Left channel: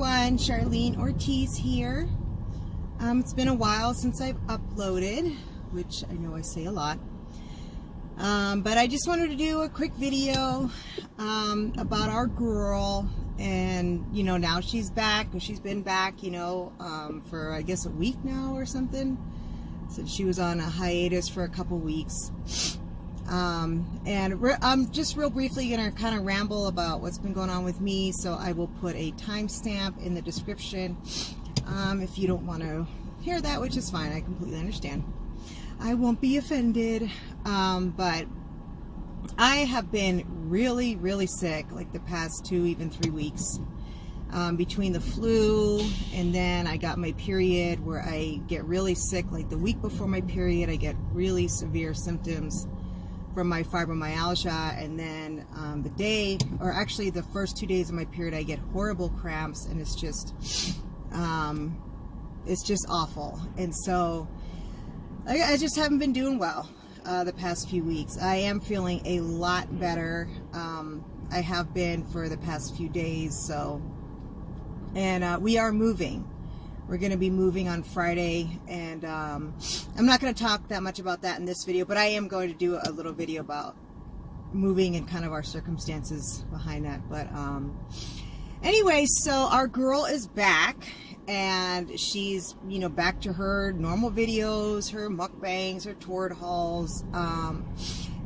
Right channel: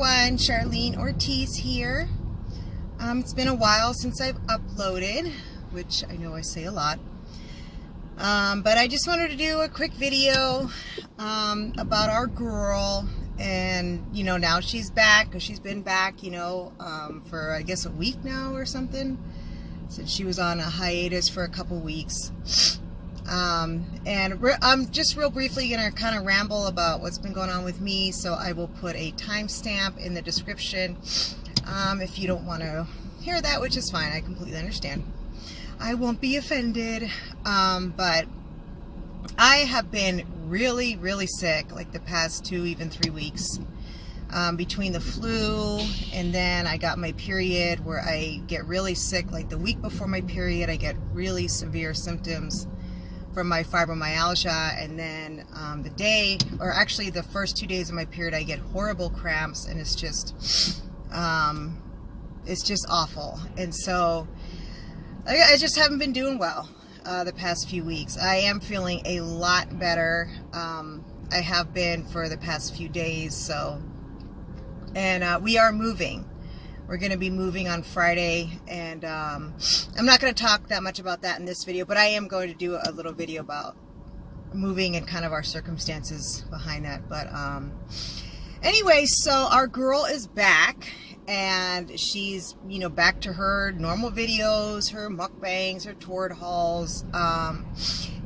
everyone, Charlene Ortiz here. It's been a while since I've uploaded, which I know I say a lot, but I just wanted to do a quick video about our girl. And you know, now she's back, because she's been back, you know, for I guess a week now or something, since she was on a hiatus for a couple weeks. And I'm just real briefly going to kind of ramble about what's been going on with me, so I will put a timestamp in the description if you don't want to hear that, which is fine. I completely understand. I won't be offended, but I have been really sick like the past 2, even 3 weeks, between the flu and then I got my period, where I get really sick. Like the week before my period, I get really severe symptoms from my fibromyalgia, and then the first 2 days of my period, I get horrible cramps, and it's just awful. And so I just haven't been doing well the past few weeks. I am feeling a lot better. I have been for the past few days. So, and we are moving. We're going to be moving on Friday, and I'm not going to talk that much about that in this video, but I am going to do a little video about moving and kind of our circumstances behind that. But anyway, so our girl is back, and she's, you know, back to her normal videos, her mukbangs, her tour hauls,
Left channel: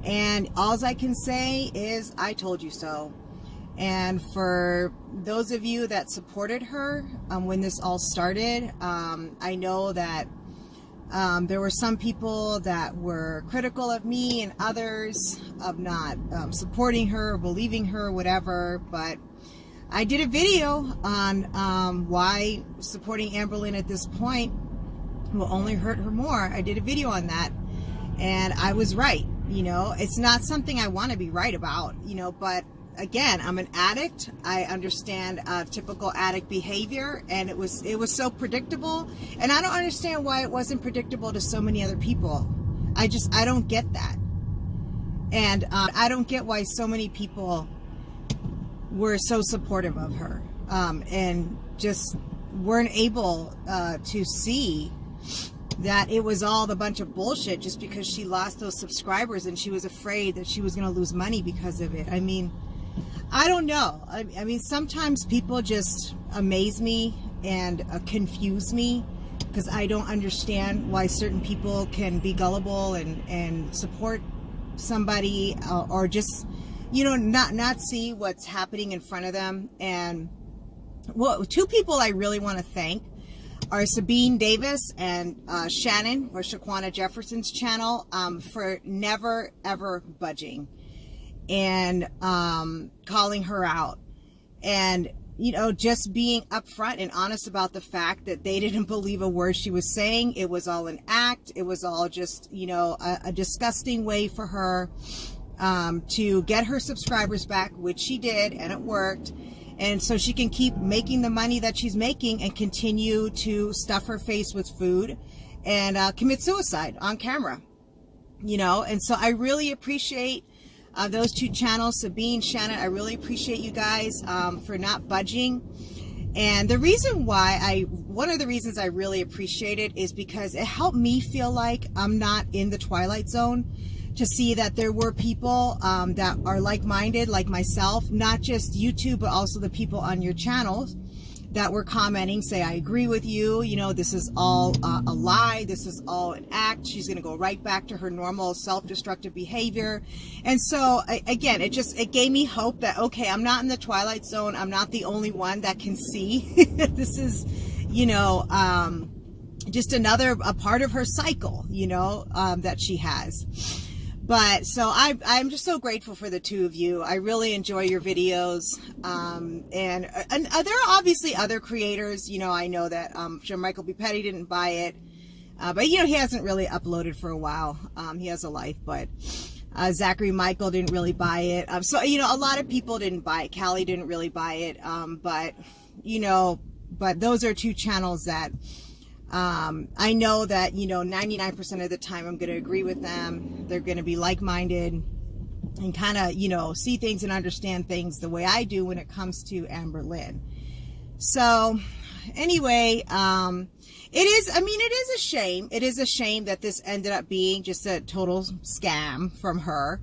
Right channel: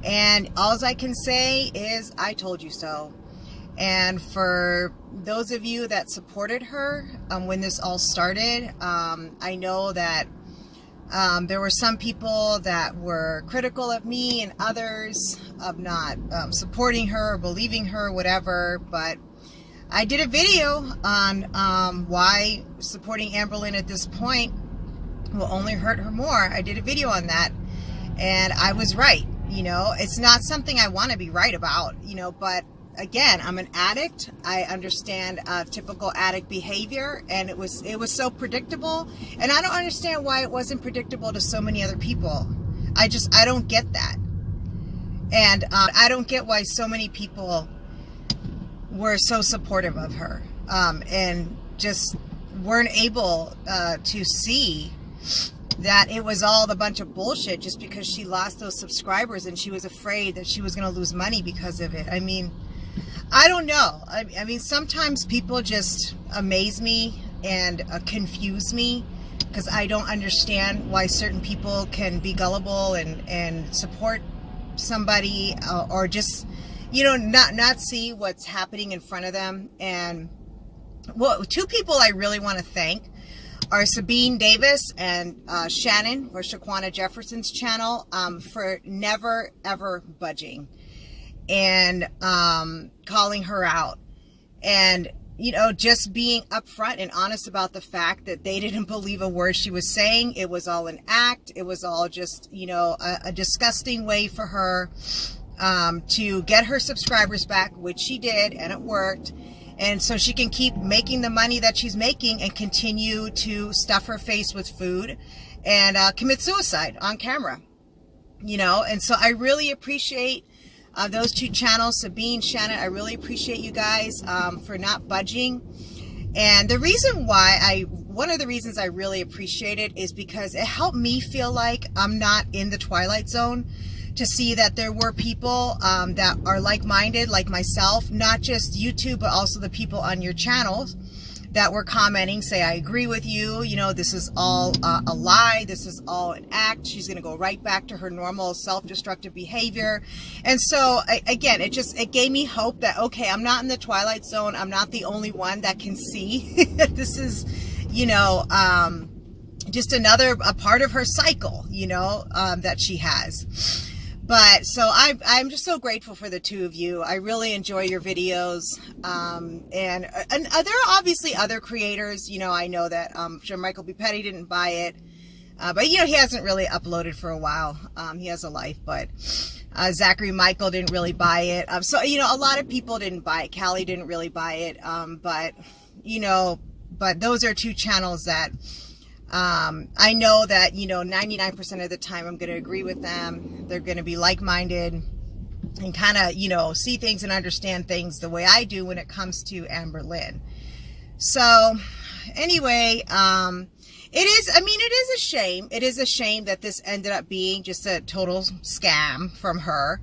and all I can say is I told you so. And for those of you that supported her when this all started, I know that there were some people that were critical of me and others of not supporting her or believing her, whatever. But I did a video on why supporting Amberlyn at this point will only hurt her more. I did a video on that, and I was right. You know, it's not something I want to be right about, you know, but again, I'm an addict. I understand typical addict behavior, and it was so predictable, and I don't understand why it wasn't predictable to so many other people. I don't get that. And I don't get why so many people were so supportive of her, and just weren't able to see that it was all a bunch of bullshit just because she lost those subscribers and she was afraid that she was going to lose money because of it. I mean, I don't know. I mean, sometimes people just amaze me and confuse me, because I don't understand why certain people can be gullible and support somebody, or just, you know, not see what's happening in front of them. And well, two people I really want to thank are Sabine Davis and Shannon, or Shaquanna Jefferson's channel, for never ever budging and calling her out, and, you know, just being upfront and honest about the fact that they didn't believe a word she was saying. It was all an act. It was all just, you know, a disgusting way for her to get her subscribers back, which she did, and it worked. And so she can keep making the money that she's making and continue to stuff her face with food and commit suicide on camera, you know. And so I really appreciate those two channels, Sabine, Shannon. I really appreciate you guys for not budging. And the reason why one of the reasons I really appreciate it is because it helped me feel like I'm not in the twilight zone, to see that there were people that are like-minded, like myself, not just YouTube, but also the people on your channels that were commenting, say, I agree with you, you know, this is all a lie, this is all an act, she's going to go right back to her normal self-destructive behavior. And so, again, it gave me hope that, okay, I'm not in the twilight zone, I'm not the only one that can see this is, you know, just a part of her cycle, you know, that she has. But so I'm just so grateful for the two of you. I really enjoy your videos. And there are obviously other creators. You know, I know that I'm sure Michael B. Petty didn't buy it. But, you know, he hasn't really uploaded for a while. He has a life. But Zachary Michael didn't really buy it. So, you know, a lot of people didn't buy it. Callie didn't really buy it. But, you know, but those are two channels that I know that, you know, 99% of the time I'm going to agree with them. They're going to be like-minded and kind of, you know, see things and understand things the way I do when it comes to Amberlyn. So anyway, it is a shame. It is a shame that this ended up being just a total scam from her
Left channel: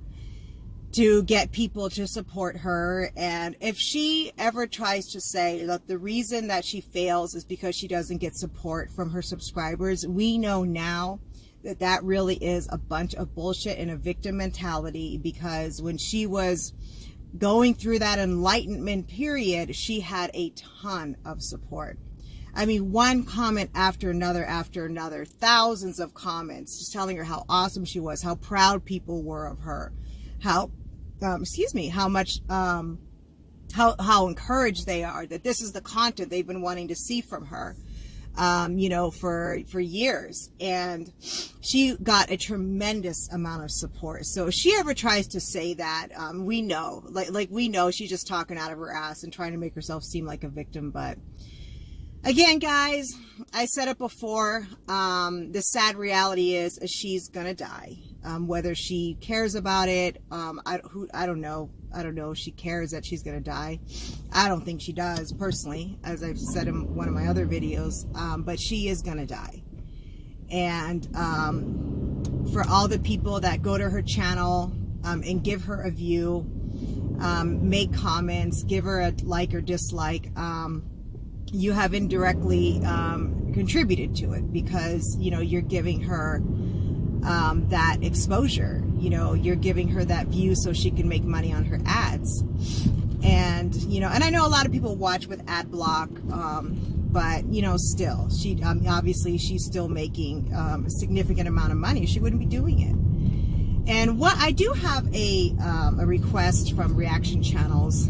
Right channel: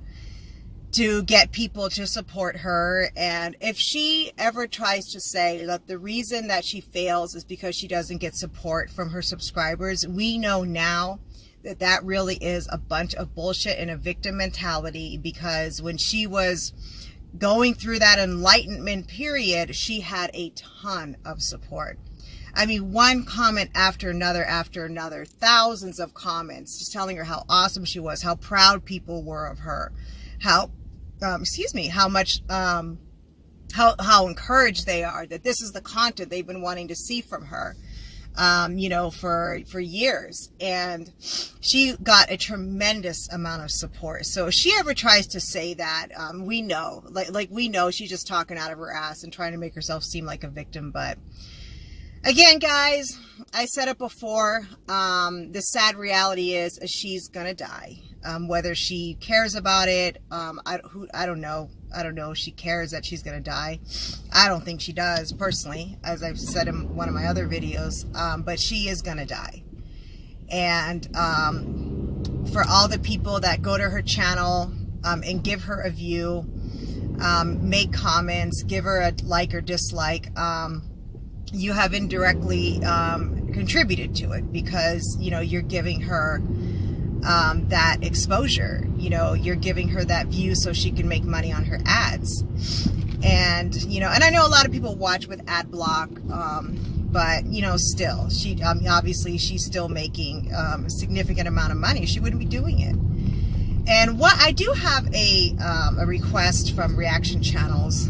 to get people to support her. And if she ever tries to say that the reason that she fails is because she doesn't get support from her subscribers, we know now that that really is a bunch of bullshit and a victim mentality, because when she was going through that enlightenment period, she had a ton of support. I mean, one comment after another, thousands of comments just telling her how awesome she was, how proud people were of her, how much, how encouraged they are that this is the content they've been wanting to see from her, for years. And she got a tremendous amount of support. So if she ever tries to say that, we know, we know she's just talking out of her ass and trying to make herself seem like a victim. But again, guys, I said it before, the sad reality is she's gonna die. Whether she cares about it, I don't know. I don't know if she cares that she's gonna die. I don't think she does, personally, as I've said in one of my other videos, but she is gonna die. And for all the people that go to her channel and give her a view, make comments, give her a like or dislike, you have indirectly contributed to it, because you're giving her that exposure, you're giving her that view so she can make money on her ads. And and I know a lot of people watch with ad block, but still, she obviously she's still making a significant amount of money. She wouldn't be doing it. And what I do have a request from reaction channels,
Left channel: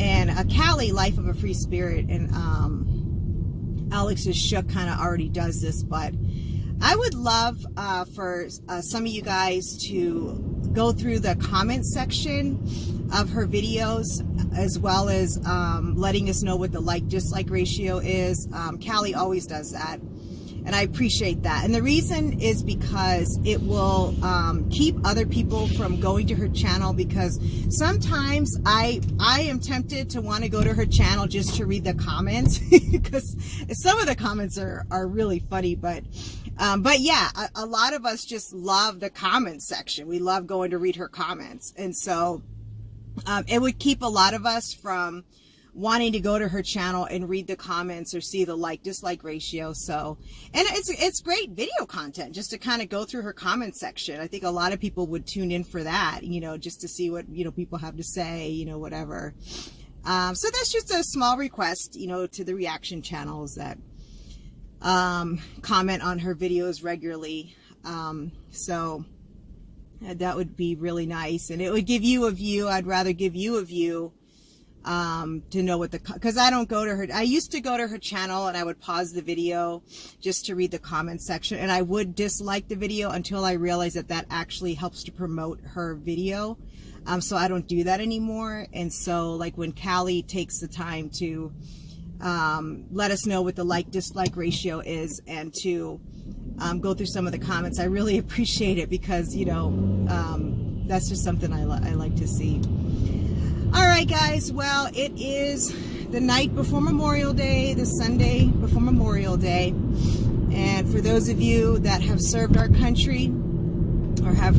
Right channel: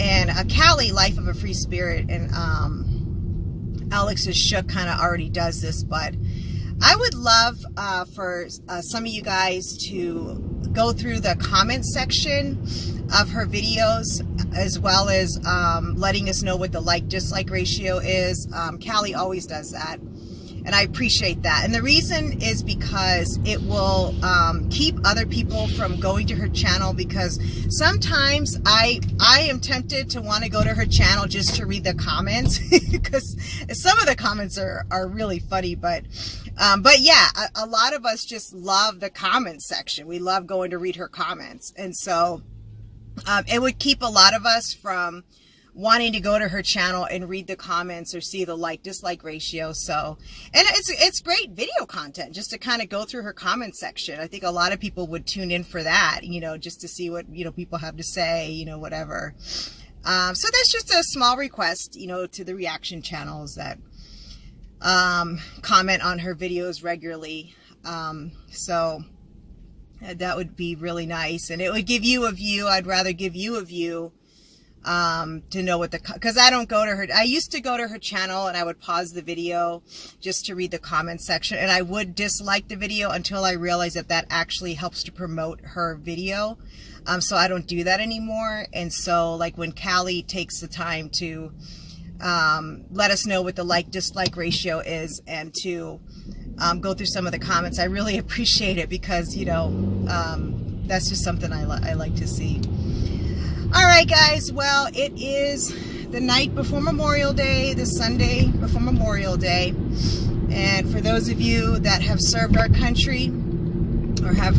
and Callie, Life of a Free Spirit, and Alex's Shook kind of already does this, but I would love for some of you guys to go through the comment section of her videos, as well as letting us know what the like-dislike ratio is. Callie always does that, and I appreciate that. And the reason is because it will keep other people from going to her channel, because sometimes I am tempted to want to go to her channel just to read the comments, because some of the comments are really funny, but yeah, a lot of us just love the comment section. We love going to read her comments. And so it would keep a lot of us from wanting to go to her channel and read the comments or see the like-dislike ratio. So, and it's great video content just to kind of go through her comment section. I think a lot of people would tune in for that, just to see what, people have to say, whatever. So that's just a small request, to the reaction channels that comment on her videos regularly. So that would be really nice, and it would give you a view. I'd rather give you a view to know what because I don't go to her. I used to go to her channel and I would pause the video just to read the comment section, and I would dislike the video until I realized that actually helps to promote her video. So I don't do that anymore. And so, like, when Callie takes the time to let us know what the like-dislike ratio is, and to go through some of the comments, I really appreciate it, because that's just something I like to see. All right, guys, well, it is the night before Memorial Day, the Sunday before Memorial Day, and for those of you that have served our country, or have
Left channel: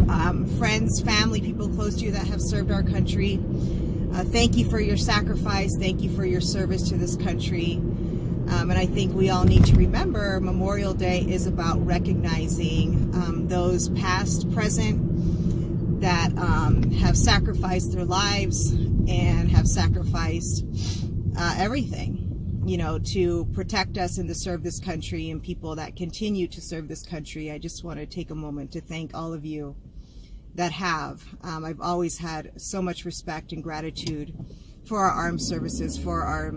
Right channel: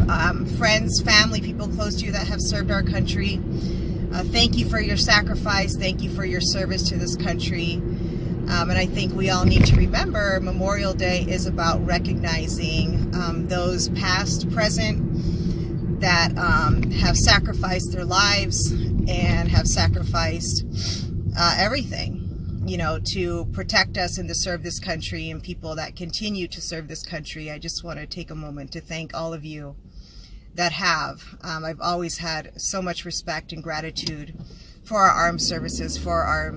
friends, family, people close to you that have served our country, thank you for your sacrifice. Thank you for your service to this country. And I think we all need to remember Memorial Day is about recognizing those past, present, that have sacrificed their lives and have sacrificed everything, to protect us and to serve this country, and people that continue to serve this country. I just want to take a moment to thank all of you that have. I've always had so much respect and gratitude for our armed services, for our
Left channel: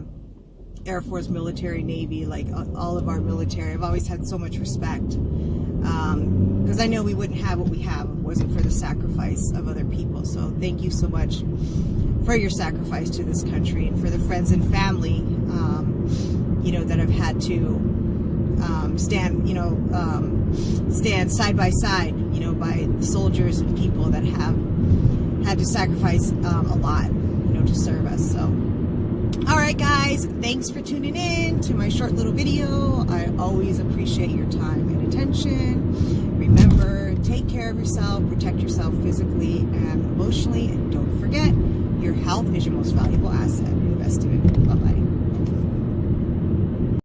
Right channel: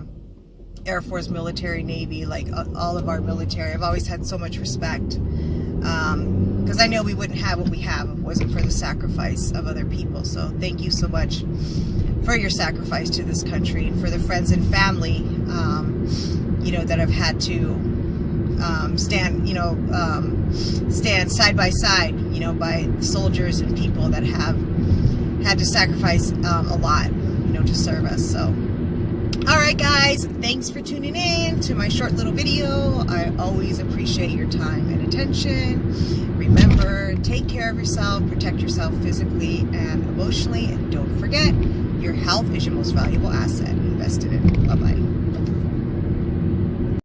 Air Force, military, Navy, like all of our military. I've always had so much respect, because I know we wouldn't have what we have if it wasn't for the sacrifice of other people. So thank you so much for your sacrifice to this country, and for the friends and family, that have had to stand side by side, by soldiers and people that have had to sacrifice a lot, to serve us. So Alright guys, thanks for tuning in to my short little video. I always appreciate your time and attention. Remember, take care of yourself, protect yourself physically and emotionally, and don't forget, your health is your most valuable asset. Invested in. Bye-bye.